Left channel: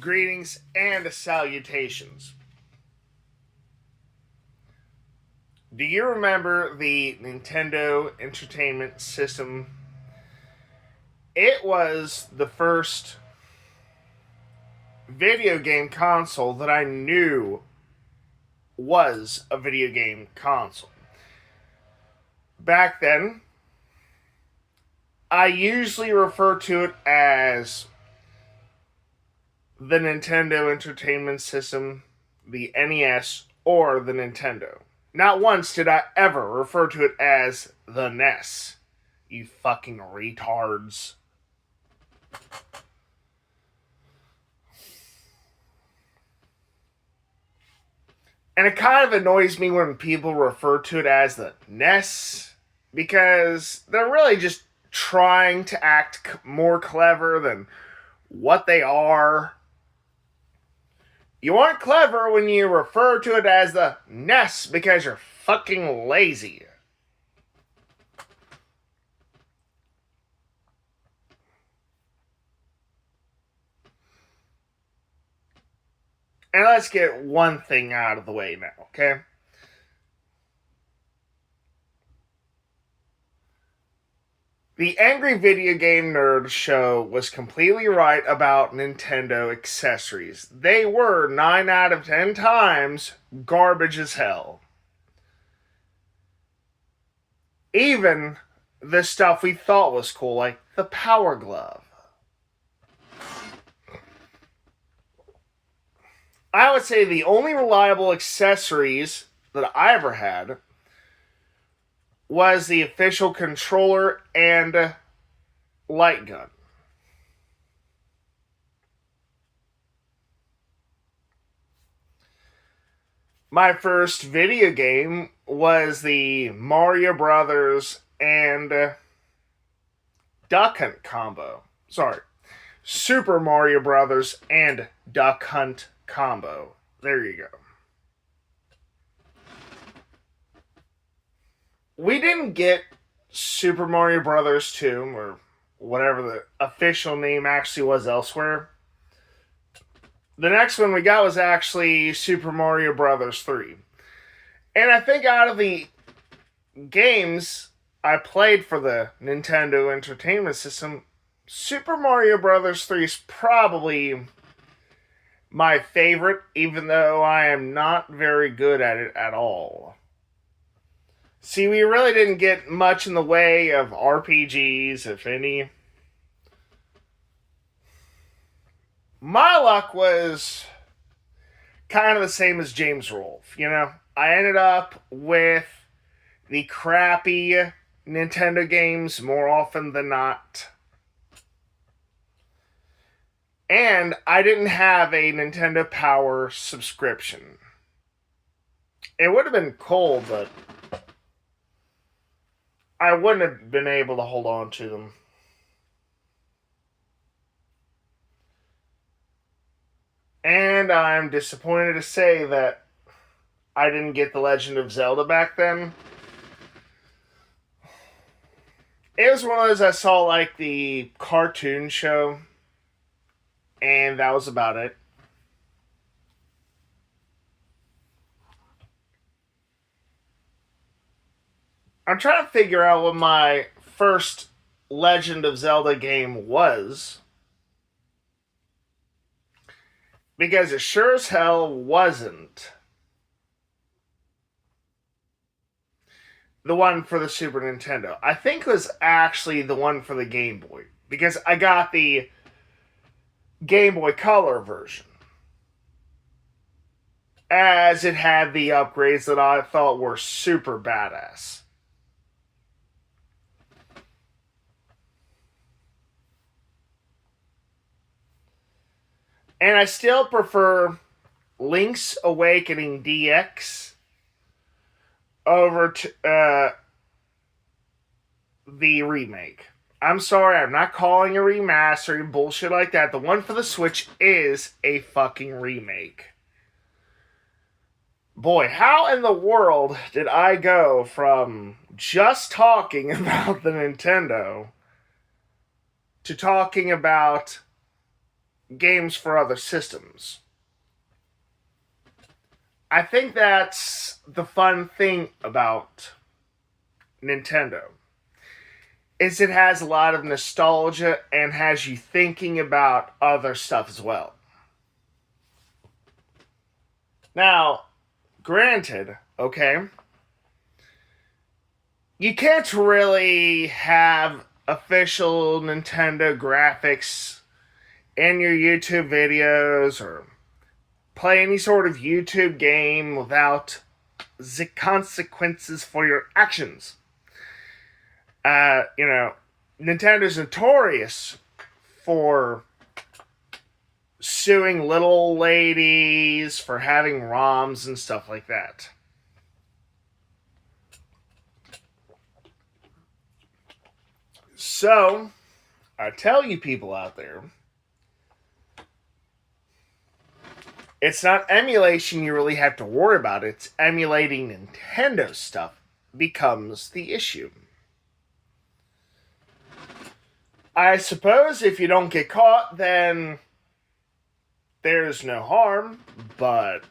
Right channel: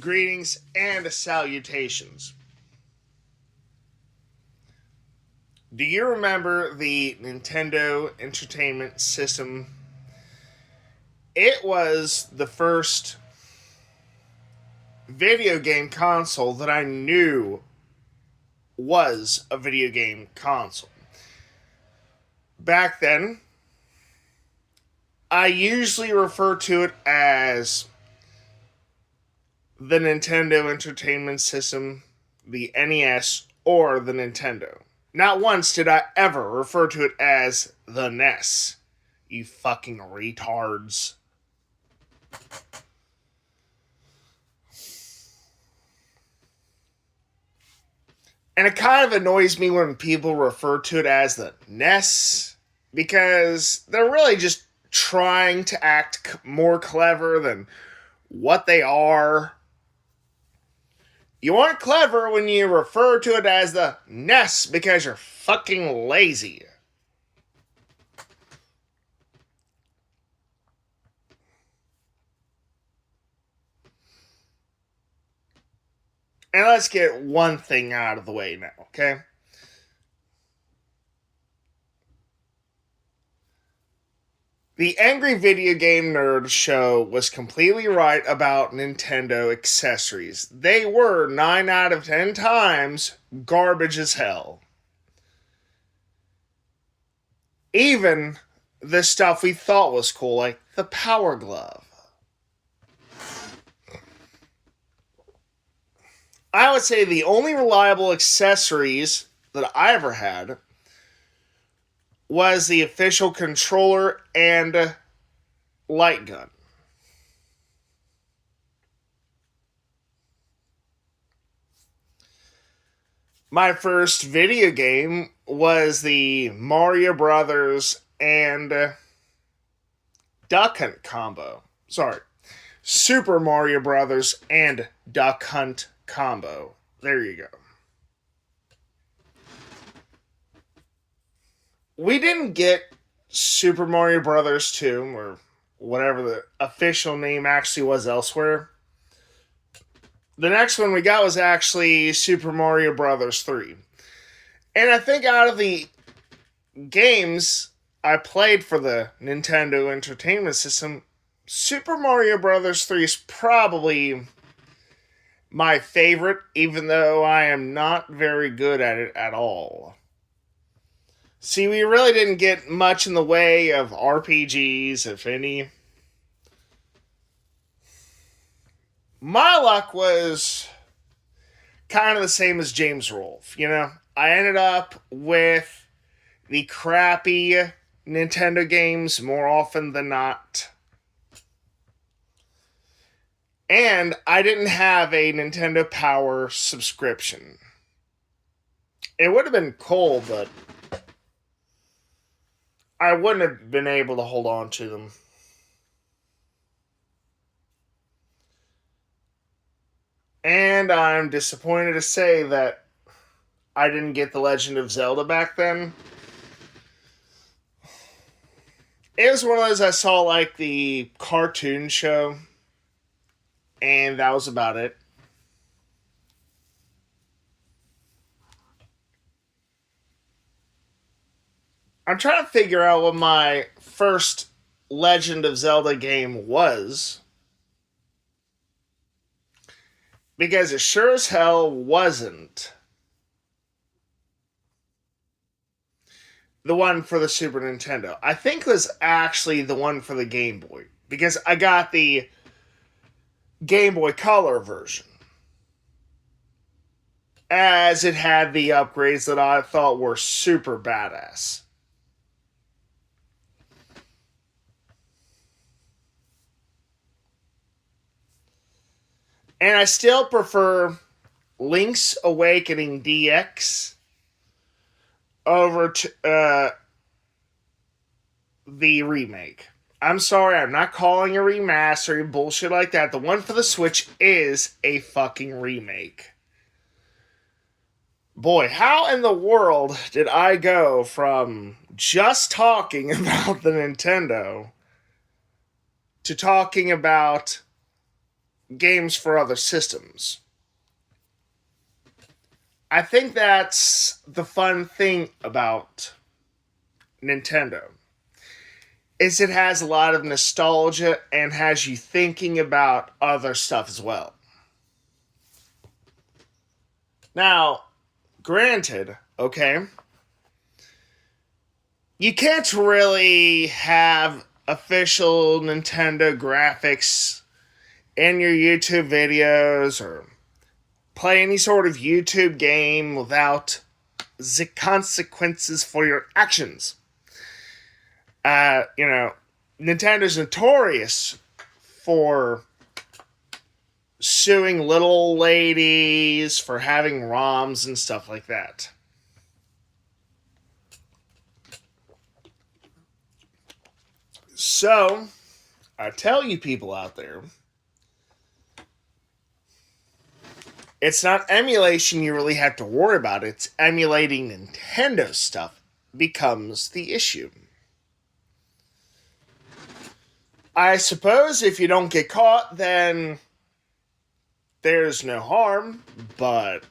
Greetings and salutations. Do you remember the Nintendo Entertainment System? It was the first video game console that I knew was a video game console. Back then, I usually refer to it as the Nintendo Entertainment System, the NES, or the Nintendo. Not once did I ever refer to it as the NES. You fucking retards. And it kind of annoys me when people refer to it as the NES because they're really just trying to act more clever than what they are. You aren't clever when you refer to it as the NES because you're fucking lazy. And let's get one thing out of the way now, okay? The Angry Video Game Nerd show was completely right about Nintendo accessories. They were 9 out of 10 times garbage as hell. Even the stuff we thought was cool, like the Power Glove. I would say the only reliable accessories that I ever had was the official controller and light gun. My first video game was the Mario Brothers and Duck Hunt combo. Sorry, Super Mario Brothers and Duck Hunt combo. There you go. We didn't get Super Mario Brothers 2 or whatever the official name actually was elsewhere. The next one we got was actually Super Mario Brothers 3. And I think out of the games I played for the Nintendo Entertainment System, Super Mario Brothers 3 is probably my favorite, even though I am not very good at it at all. See, we really didn't get much in the way of RPGs, if any. My luck was kind of the same as James Rolfe, you know? I ended up with the crappy Nintendo games more often than not. And I didn't have a Nintendo Power subscription. It would have been cool, but I wouldn't have been able to hold on to them. And I'm disappointed to say that I didn't get The Legend of Zelda back then. It was one of those I saw like the cartoon show, and that was about it. I'm trying to figure out what my first Legend of Zelda game was, because it sure as hell wasn't the one for the Super Nintendo. I think it was actually the one for the Game Boy, because I got the Game Boy Color version, as it had the upgrades that I thought were super badass. And I still prefer Link's Awakening DX over to the remake. I'm sorry, I'm not calling a remaster, bullshit like that. The one for the Switch is a fucking remake. Boy, how in the world did I go from just talking about the Nintendo to talking about games for other systems. I think that's the fun thing about Nintendo is it has a lot of nostalgia and has you thinking about other stuff as well. Now, granted, okay, you can't really have official Nintendo graphics in your YouTube videos or play any sort of YouTube game without the consequences for your actions. Nintendo's notorious for suing little ladies for having ROMs and stuff like that. So, I tell you people out there, it's not emulation you really have to worry about. It's emulating Nintendo stuff becomes the issue. I suppose if you don't get caught, then there's no harm, but,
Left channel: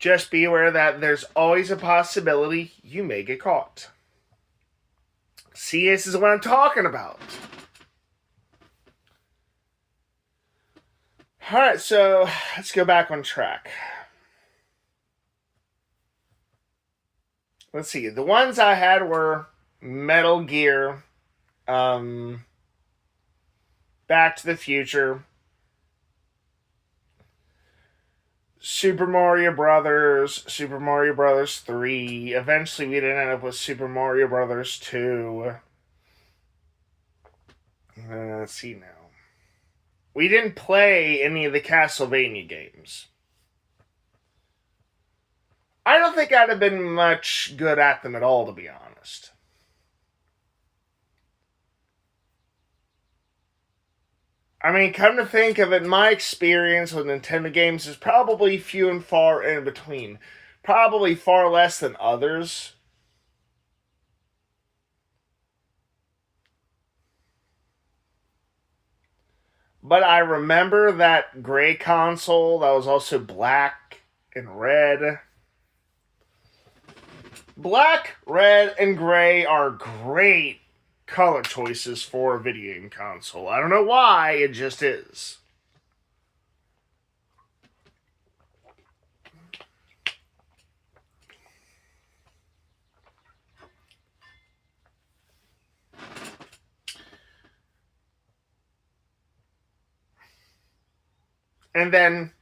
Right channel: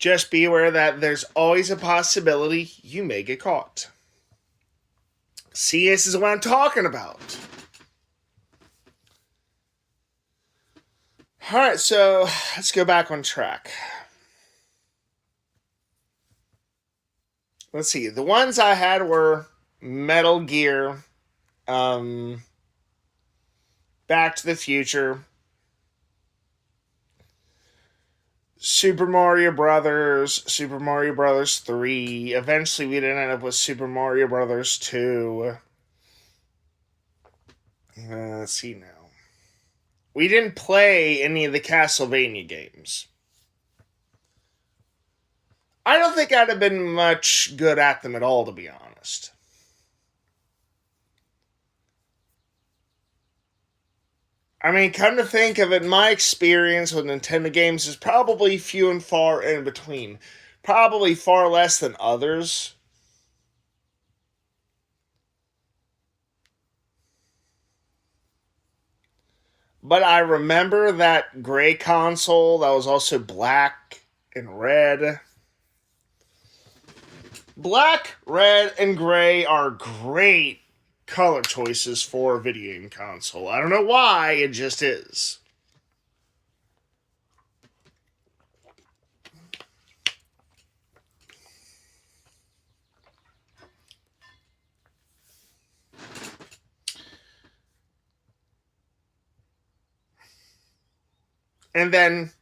just be aware that there's always a possibility you may get caught. See, this is what I'm talking about. Alright, so let's go back on track. Let's see. The ones I had were Metal Gear, Back to the Future, Super Mario Brothers, Super Mario Brothers 3. Eventually, we didn't end up with Super Mario Brothers 2. Let's see now. We didn't play any of the Castlevania games. I don't think I'd have been much good at them at all, to be honest. I mean, come to think of it, my experience with Nintendo games is probably few and far in between. Probably far less than others. But I remember that gray console that was also black and red. Black, red, and gray are great color choices for a video game console. I don't know why, it just is. And then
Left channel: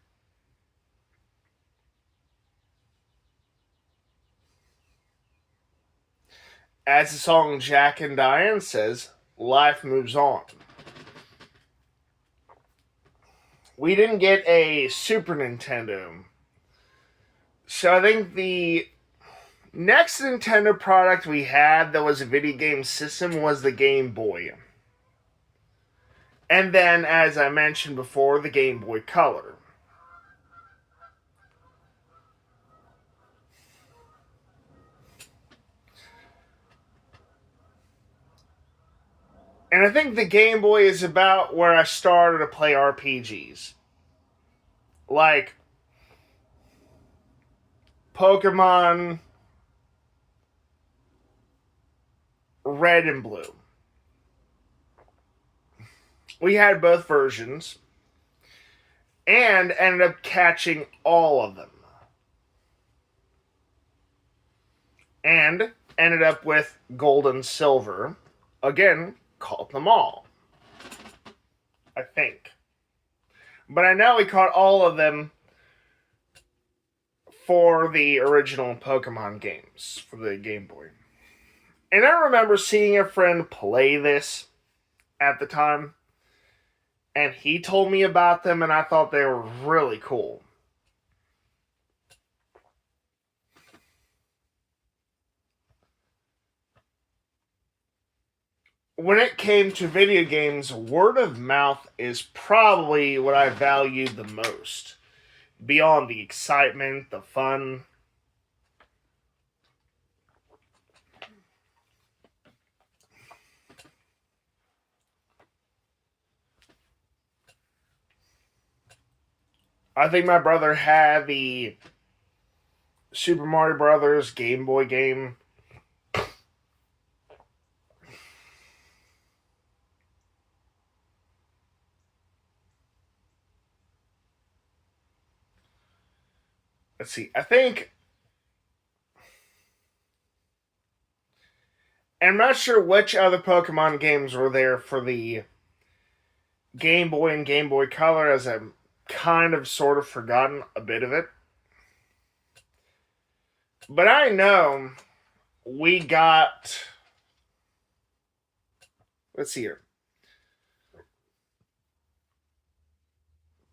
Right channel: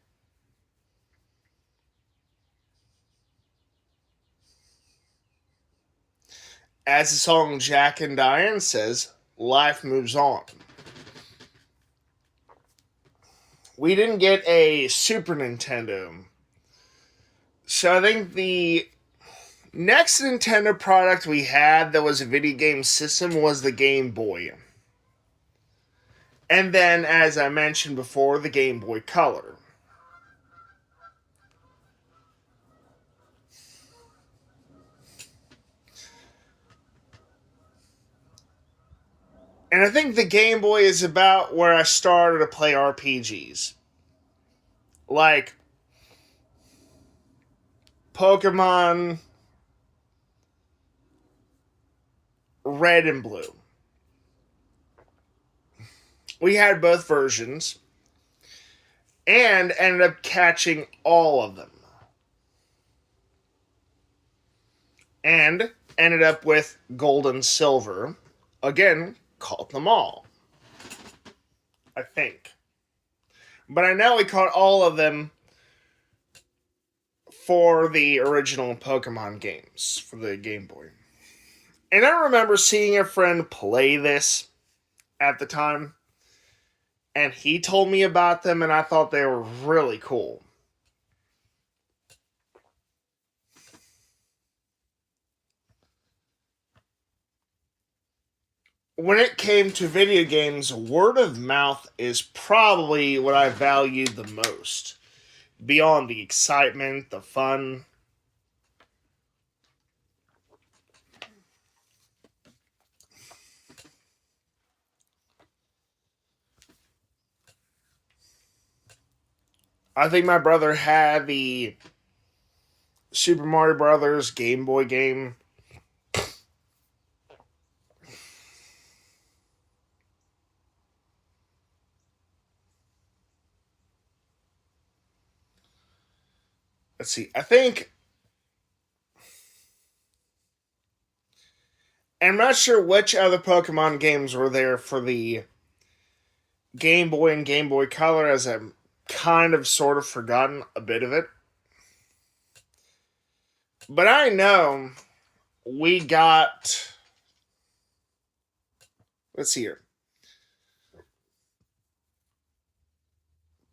as the song Jack and Diane says, life moves on. We didn't get a Super Nintendo. So I think the next Nintendo product we had that was a video game system was the Game Boy. And then, as I mentioned before, the Game Boy Color. And I think the Game Boy is about where I started to play RPGs. Like Pokemon Red and Blue. We had both versions and ended up catching all of them. And ended up with Gold and Silver. Again, caught them all. I think. But I know we caught all of them for the original Pokemon games for the Game Boy. And I remember seeing a friend play this at the time. And he told me about them, and I thought they were really cool. When it came to video games, word of mouth is probably what I valued the most. Beyond the excitement, the fun. I think my brother had the Super Mario Brothers Game Boy game. Let's see. I think I'm not sure which other Pokemon games were there for the Game Boy and Game Boy Color, as I've kind of sort of forgotten a bit of it. But I know we got. Let's see here.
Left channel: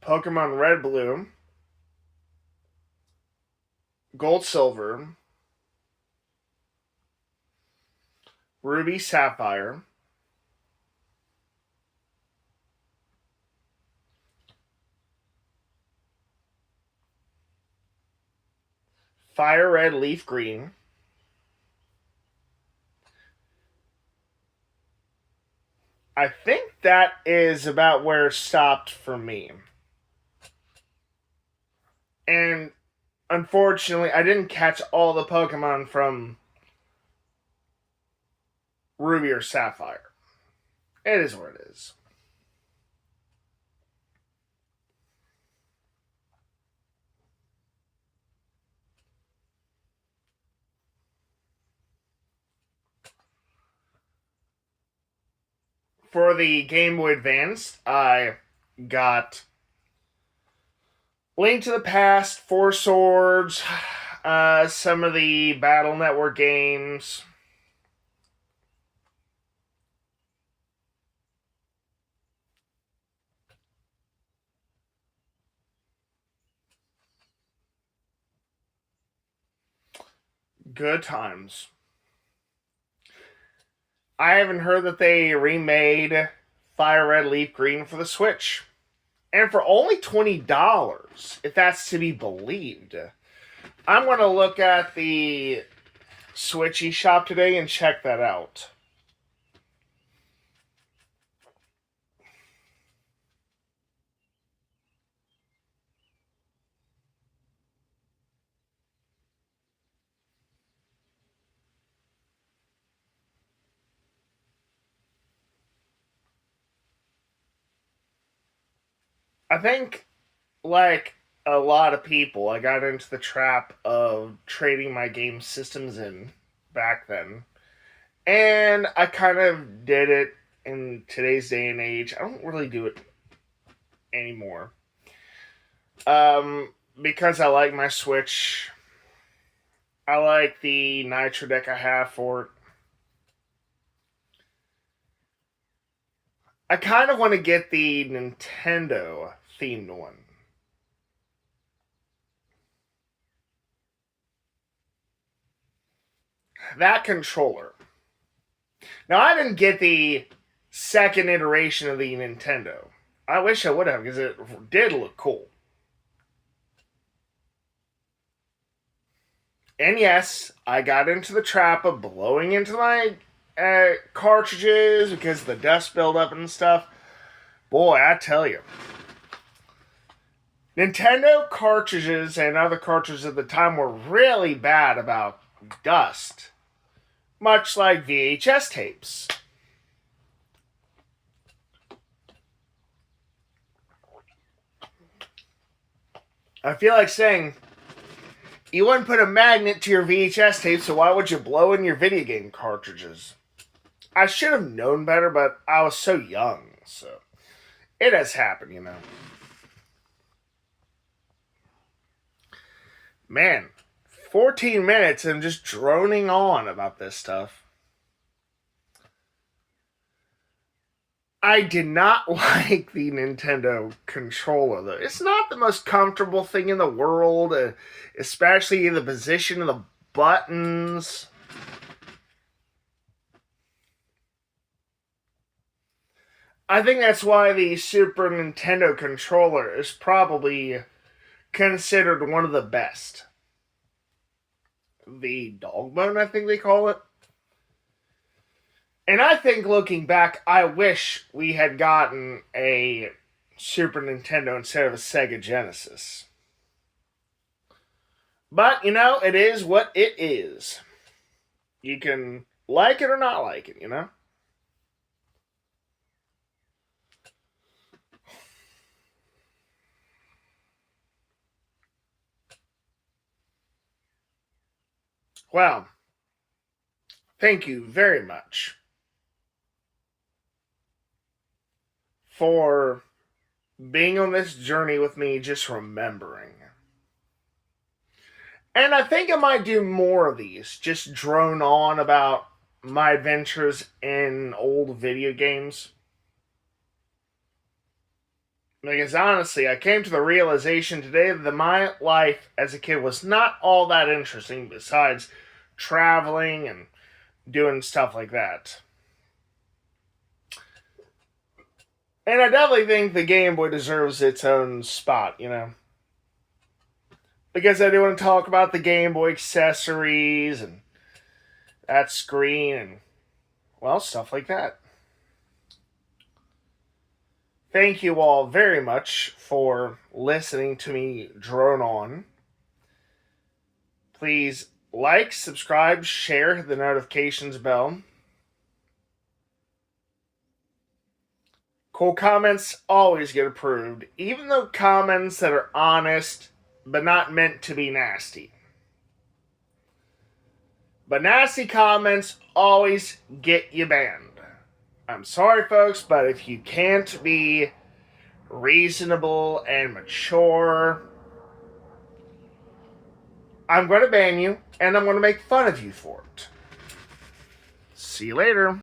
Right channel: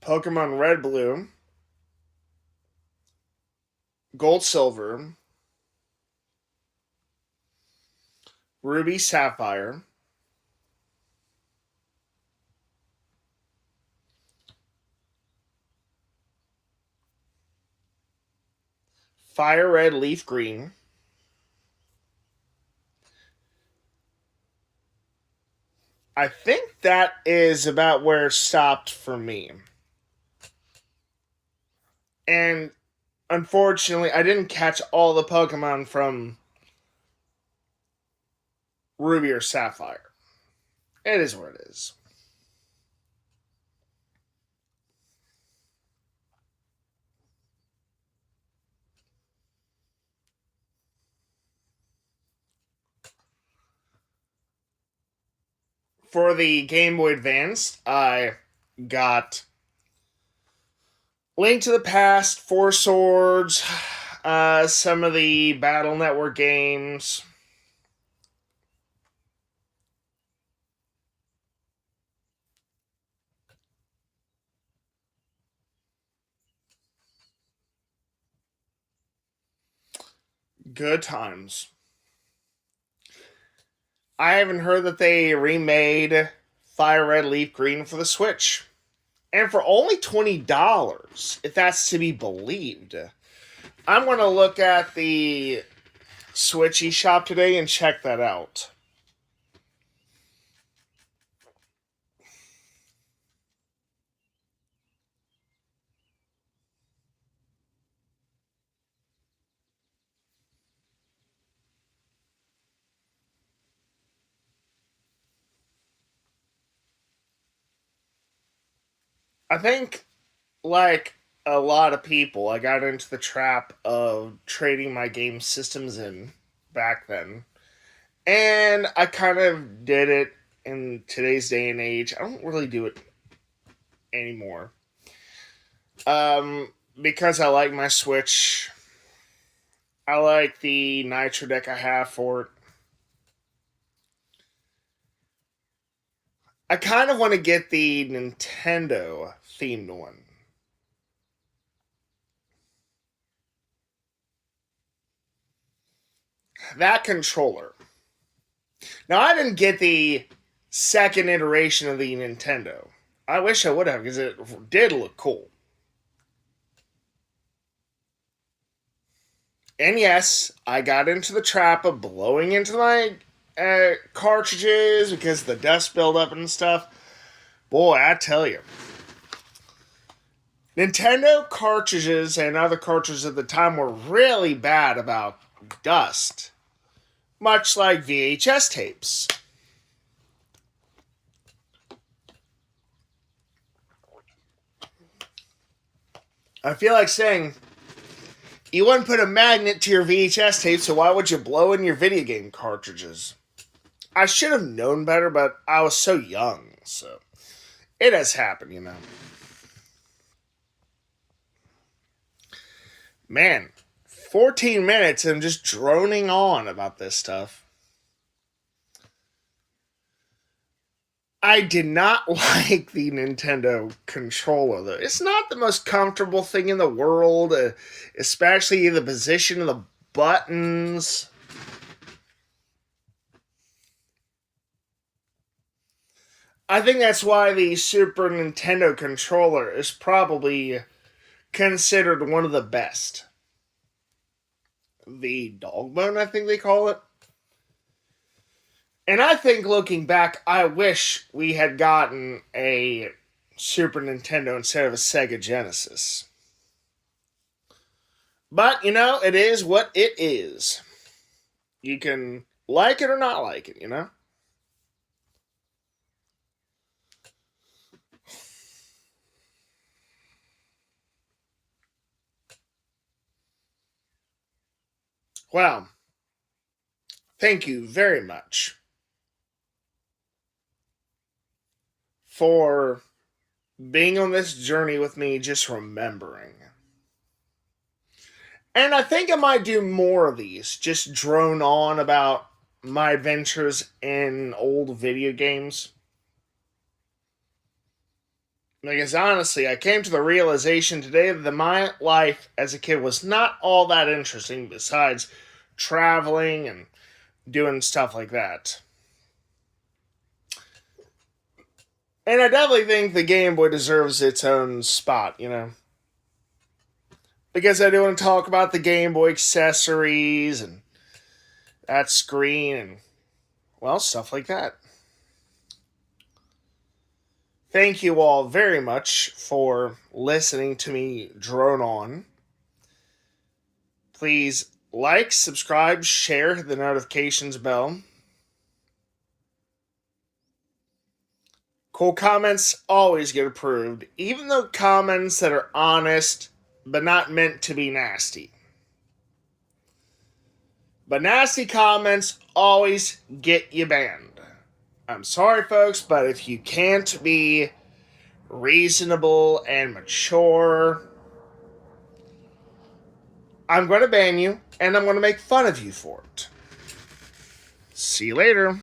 Pokemon Red Blue, Gold Silver, Ruby Sapphire, Fire Red Leaf Green. I think that is about where it stopped for me. And unfortunately, I didn't catch all the Pokemon from Ruby or Sapphire. It is what it is. For the Game Boy Advance, I got Link to the Past, Four Swords, some of the Battle Network games. Good times. I haven't heard that they remade Fire Red Leaf Green for the Switch. And for only $20, if that's to be believed. I'm going to look at the Switch eShop today and check that out. I think, like a lot of people, I got into the trap of trading my game systems in back then. And I kind of did it in today's day and age. I don't really do it anymore. Because I like my Switch. I like the Nitro deck I have for it. I kind of want to get the Nintendo themed one. That controller. Now, I didn't get the second iteration of the Nintendo. I wish I would have, because it did look cool. And yes, I got into the trap of blowing into my cartridges because the dust buildup and stuff. Boy, I tell you. Nintendo cartridges and other cartridges at the time were really bad about dust, much like VHS tapes. I feel like saying, you wouldn't put a magnet to your VHS tape, so why would you blow in your video game cartridges? I should have known better, but I was so young, so it has happened, you know. Man, 14 minutes and just droning on about this stuff. I did not like the Nintendo controller, though. It's not the most comfortable thing in the world, especially the position of the buttons. I think that's why the Super Nintendo controller is probably considered one of the best. The dog bone, I think they call it. And I think looking back, I wish we had gotten a Super Nintendo instead of a Sega Genesis. But, you know, it is what it is. You can like it or not like it, you know? Well, thank you very much for being on this journey with me, just remembering. And I think I might do more of these, just drone on about my adventures in old video games. Because honestly, I came to the realization today that my life as a kid was not all that interesting besides traveling and doing stuff like that. And I definitely think the Game Boy deserves its own spot, you know? Because I do want to talk about the Game Boy accessories and that screen and, well, stuff like that. Thank you all very much for listening to me drone on. Please like, subscribe, share, the notifications bell. Cool comments always get approved, even though comments that are honest but not meant to be nasty. But nasty comments always get you banned. I'm sorry, folks, but if you can't be reasonable and mature, I'm going to ban you and I'm going to make fun of you for it. See you later.